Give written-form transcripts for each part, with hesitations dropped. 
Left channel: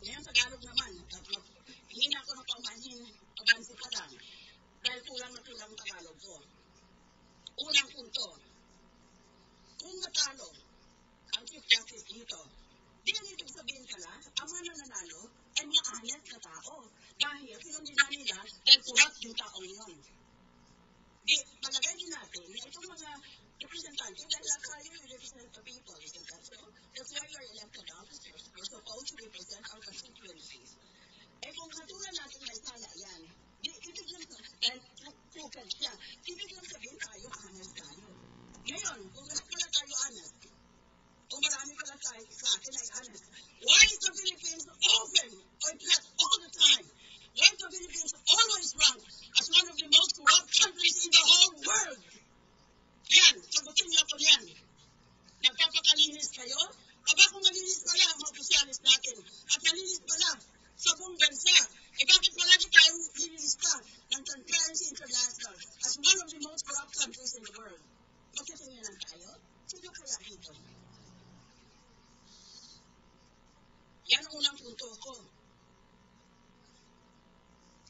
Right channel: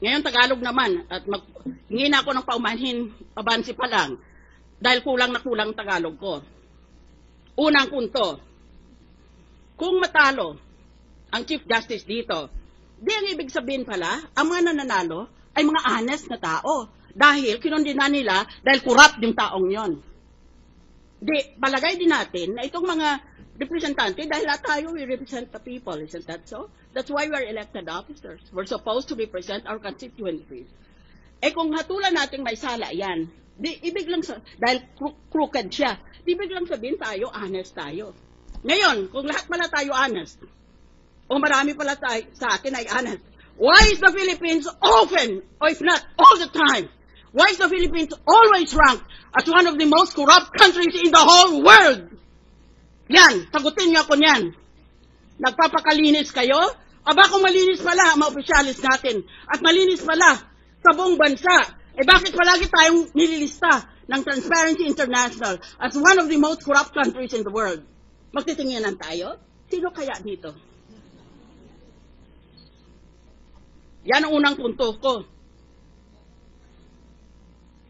Ngayon, Tagalog naman, at hingi na ako ng paumanhin, abansi pa lang, dahil kulang na kulang Tagalog ko. Unang punto, kung matalo ang Chief Justice dito, di ang ibig sabihin pala, ang mga nananalo ay mga honest na tao. Dahil kinundina nila dahil corrupt yung taong yon. Di, palagay din natin na itong mga representante, dahil lahat tayo, we represent the people, isn't that so? That's why we are elected officers. We're supposed to represent our constituencies. Eh kung hatulan natin may sala yan, di, ibig lang dahil crooked siya, di ibig lang sabihin tayo, honest tayo. Ngayon, kung lahat pala tayo honest, o marami pala tayo sa atin ay honest, why is the Philippines often, or if not all the time, why is the Philippines always ranked as one of the most corrupt countries in the whole world? Yan, sagutin niyo ako niyan. Nagpapakalinis kayo? Aba kung malinis pala ang mga opisyalis natin at malinis pala sa buong bansa, eh bakit palagi tayong nililista ng Transparency International as one of the most corrupt countries in the world? Magtitinginan tayo? Sino kaya dito? Yan ang unang punto ko.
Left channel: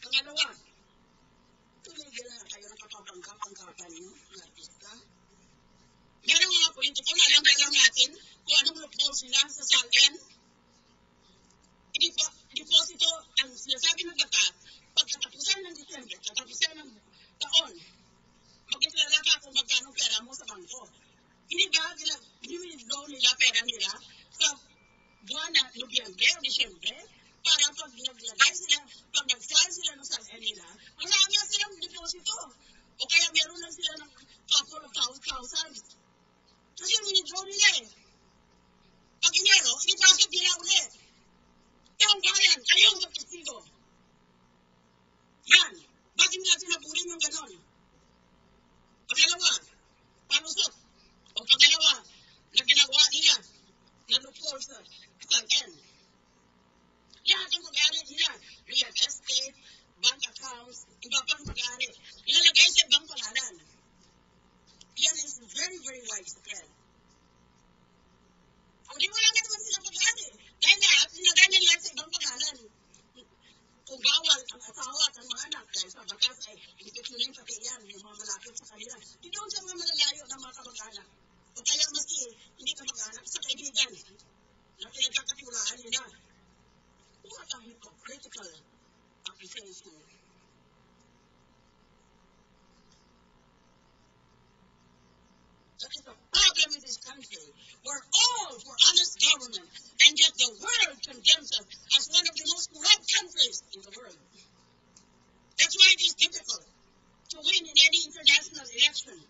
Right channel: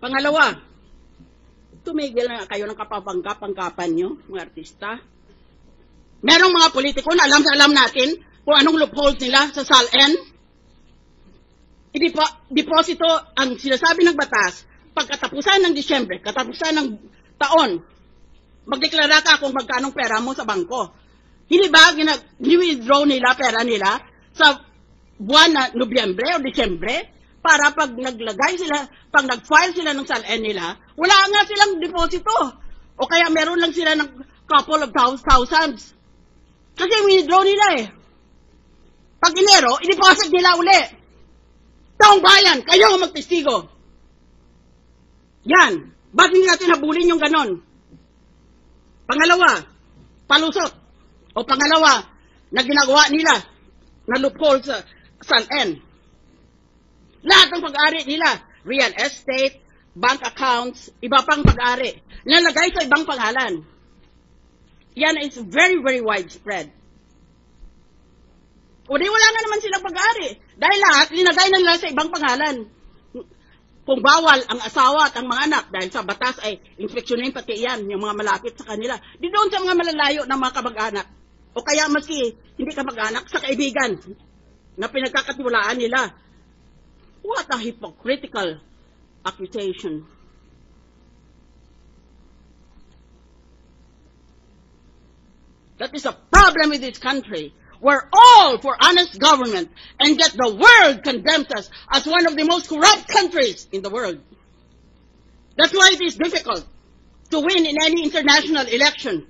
Pangalawa, tumigil na kayo ng kapapangkapan nyo, mga artista. Merong mga politiko na alam natin kung anong loopholes nila sa SALN. Deposito ang sinasabi ng batas pagkatapusan ng Disyembre, katapusan ng taon. Magdeklara ka kung magkanong pera mo sa bangko. Hindi ba gini-withdraw nila pera nila sa buwan na Nobyembre o Disyembre? Para pag naglagay sila, pag nag-file sila ng SALN nila, wala nga silang deposito. O kaya meron lang sila ng couple of thousands. Kasi withdraw nila eh. Pag Enero, i-deposit nila uli. Taong bayan, kayo ang magtestigo. Yan. Ba't hindi natin habulin yung ganon? Pangalawa, palusot. O pangalawa, na ginagawa nila na loophole sa SALN. Lahat ng pag-ari nila, real estate, bank accounts, iba pang pag-ari, nalagay sa ibang pangalan. Yan is very, very widespread. O di wala nga naman silang pag-ari. Dahil lahat, linagay na nila sa ibang pangalan. Kung bawal ang asawa at ang mga anak, dahil sa batas ay inspeksyonin pati yan, yung mga malapit sa kanila, di doon sa mga malalayo ng mga kamag-anak. O kaya maski hindi kamag-anak, sa kaibigan na pinagkakatiwalaan nila. What a hypocritical accusation. That is a problem with this country. We're all for honest government, and yet the world condemns us as one of the most corrupt countries in the world. That's why it is difficult to win in any international election,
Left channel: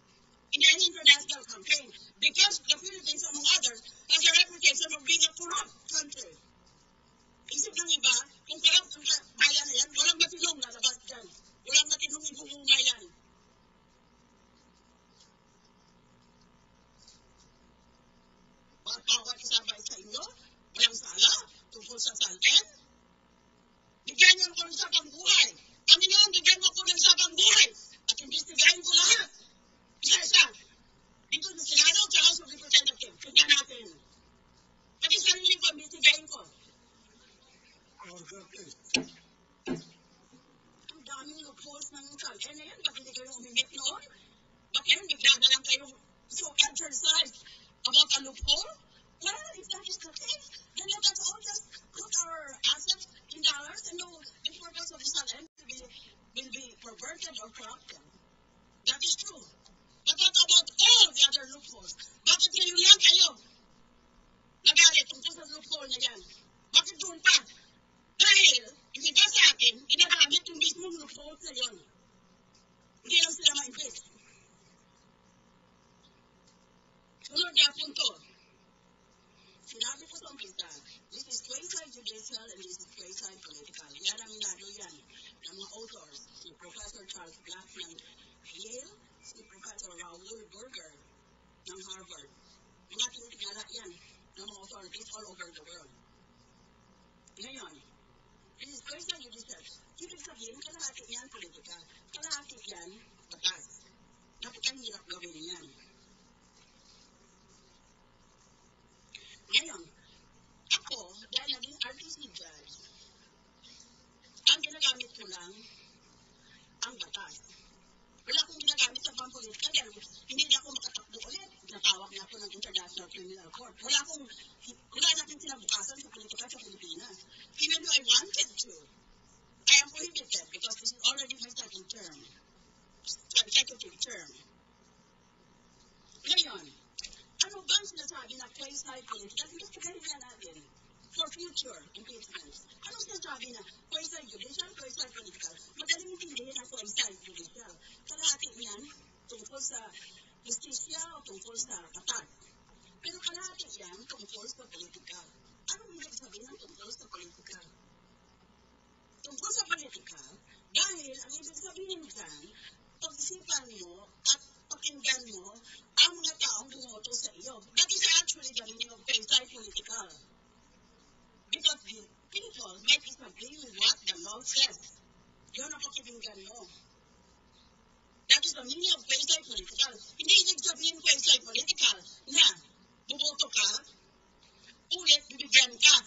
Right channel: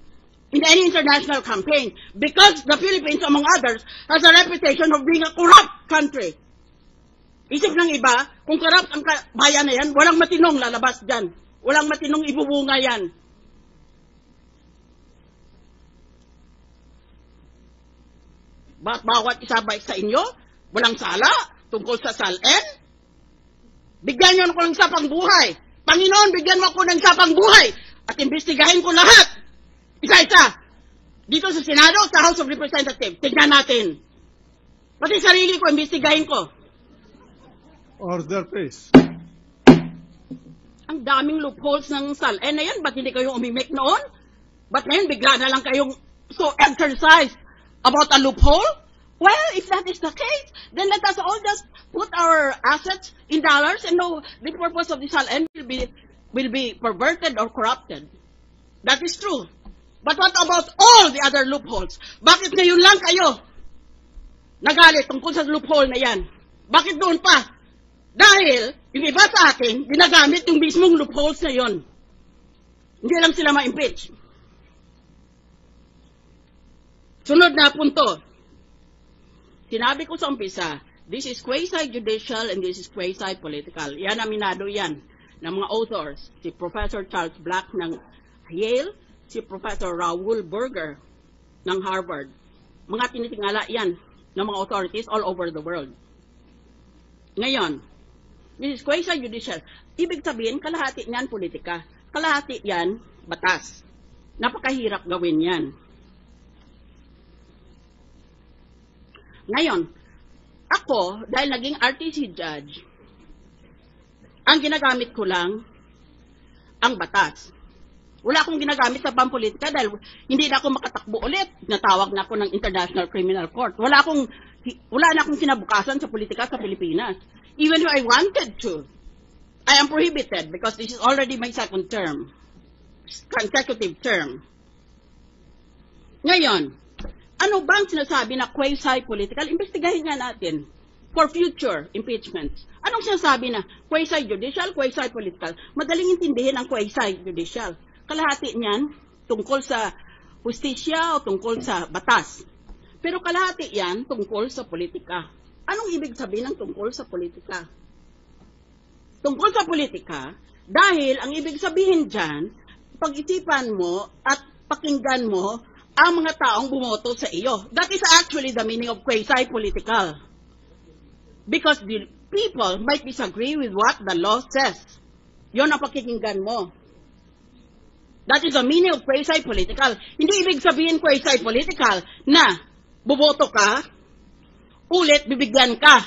in any international campaign, because the Philippines, among others, has a reputation of being a corrupt country. Isip ng iba, kung corrupt ang bayan na yan, walang matinong lalabas dyan. Walang matinong ibubunga yan. Ba't bawat isa ba sa inyo, walang sala tungkol sa SALN? Bigyan nyo ako ng isa pang buhay. Panginoon, bigyan mo ako ng isa pang buhay at imbestigahin ko lahat. Isa-isa. Dito sa Senado at sa House of Representatives. Tignan natin. Pati sarili ko, imbestigahin ko. Order, please. Ang daming loopholes ng SALN na yan. Ba't hindi kayo umimik noon? Ba't ngayon bigla na lang kayong so exercised about a loophole? Well, if that is the case, then let us all just put our assets in dollars and know the purpose of the SALN will be perverted or corrupted. That is true. But what about all the other loopholes? Bakit ngayon lang kayo nagalit tungkol sa loophole na yan? Bakit doon pa? Dahil yung iba sa atin, dinagamit yung mismong loopholes na yon. Hindi lang sila ma-impeach. Sunod na punto. Sinabi ko sa umpisa, this is quasi-judicial and this is quasi-political. Yan, aminado yan ng mga authors. Si Professor Charles Black ng Yale, si Professor Raoul Berger ng Harvard. Mga tinitingala yan ng mga authorities all over the world. Ngayon, this is quasi-judicial. Ibig sabihin, kalahati niyan politika. Kalahati yan, batas. Napakahirap gawin yan. Ngayon, ako, ako, dahil naging RTC judge, ang ginagamit ko lang ang batas. Wala akong ginagamit sa pampolitika dahil hindi na ako makatakbo ulit. Natawag na ako ng International Criminal Court. Wala na akong kinabukasan sa politika sa Pilipinas. Even if I wanted to, I am prohibited because this is already my second term, consecutive term. Ngayon, ano bang sinasabi na quasi-political? Investigahin nga natin for future impeachments. Anong sinasabi na quasi-judicial, quasi-political? Madaling intindihin ang quasi-judicial. Kalahati niyan tungkol sa hustisya o tungkol sa batas. Pero kalahati yan tungkol sa politika. Anong ibig sabihin ng tungkol sa politika? Tungkol sa politika, dahil ang ibig sabihin dyan, pag-isipan mo at pakinggan mo ang mga taong bumoto sa iyo. That is actually the meaning of quasi-political. Because the people might disagree with what the law says. Yon ang pakikinggan mo. That is the meaning of quasi-political. Hindi ibig sabihin quasi-political na buboto ka, ulit bibigyan ka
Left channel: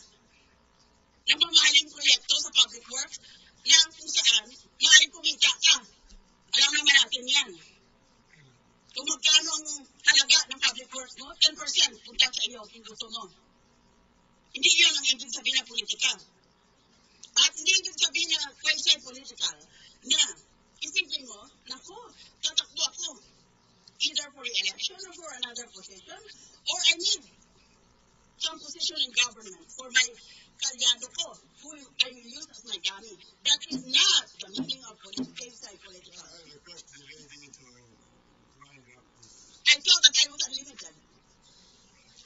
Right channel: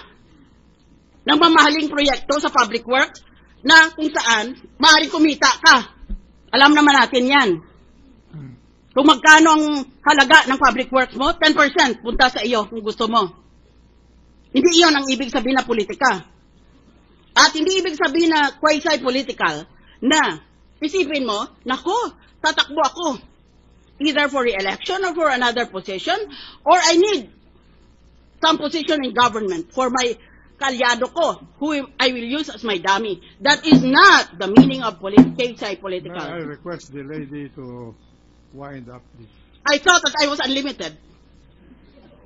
ng mamahaling proyekto sa public works na kung saan maaaring kumita ka. Alam naman natin yan. Kung magkano ang halaga ng public works mo, 10% punta sa iyo kung gusto mo. Hindi iyon ang ibig sabihin na politika. At hindi ibig sabihin na quasi-political na isipin mo, nako, tatakbo ako. Either for re-election or for another position, or I need some position in government for my kalyado ko, who I will use as my dummy. That is not the meaning of quasi-political. May I request the lady to wind up this? I thought that I was unlimited.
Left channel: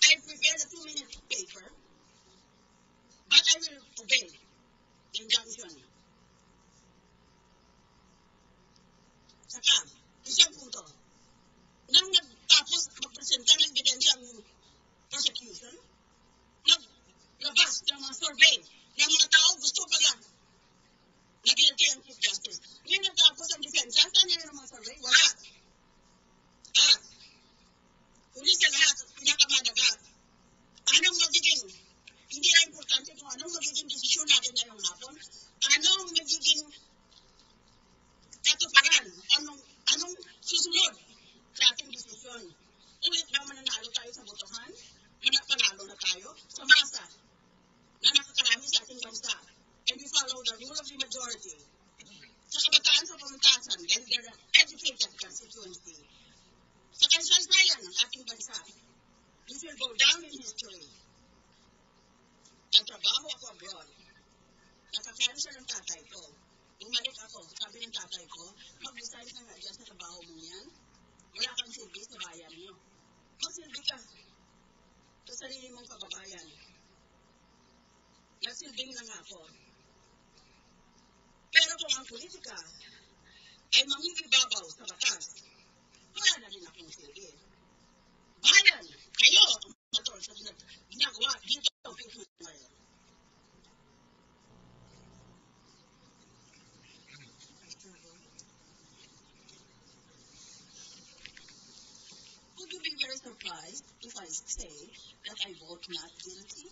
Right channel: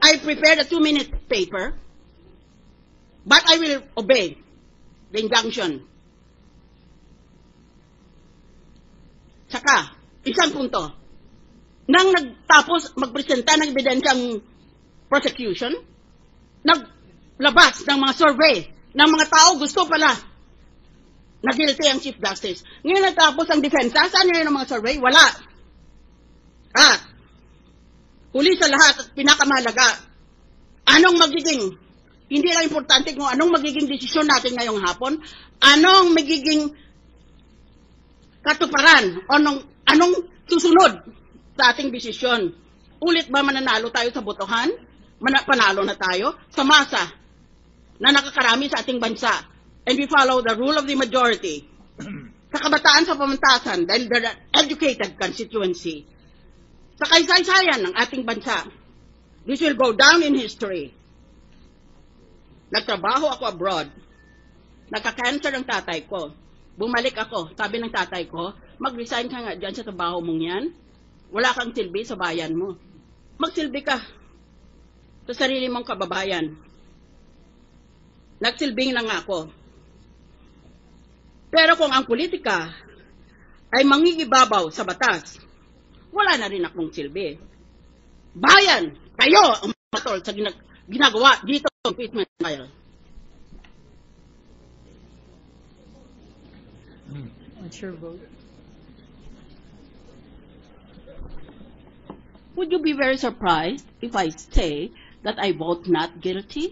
I prepared a 2-minute paper, but I will obey the injunction. Saka, isang punto. Nang nagtapos magpresenta ng ebidensyang prosecution, naglabas ng mga survey ng mga tao gusto pala na guilty ang Chief Justice. Ngayon natapos ang defensa, saan ngayon ang mga survey? Wala. At, huli sa lahat at pinakamahalaga, anong magiging, hindi lang importante kung anong magiging desisyon natin ngayong hapon, anong magiging katuparan o anong susunod sa ating desisyon. Ulit ba mananalo tayo sa botohan? Panalo na tayo sa masa na nakakarami sa ating bansa. And we follow the rule of the majority. Sa kabataan sa pamantasan, dahil they're an educated constituency. Sa kaysaysayan ng ating bansa, this will go down in history. Nagtrabaho ako abroad. Nagka-cancer ang tatay ko. Bumalik ako, sabi ng tatay ko, mag-resign ka nga dyan sa trabaho mong yan. Wala kang silbi sa bayan mo. Magsilbi ka sa sarili mong kababayan. Nagsilbing lang ako. Pero kung ang politika ay mangigibabaw sa batas, wala na rin akong silbi. Bayan, kayo ang matol sa ginagawa dito sa impeachment trial. What's your vote? Would you be very surprised if I say that I vote not guilty?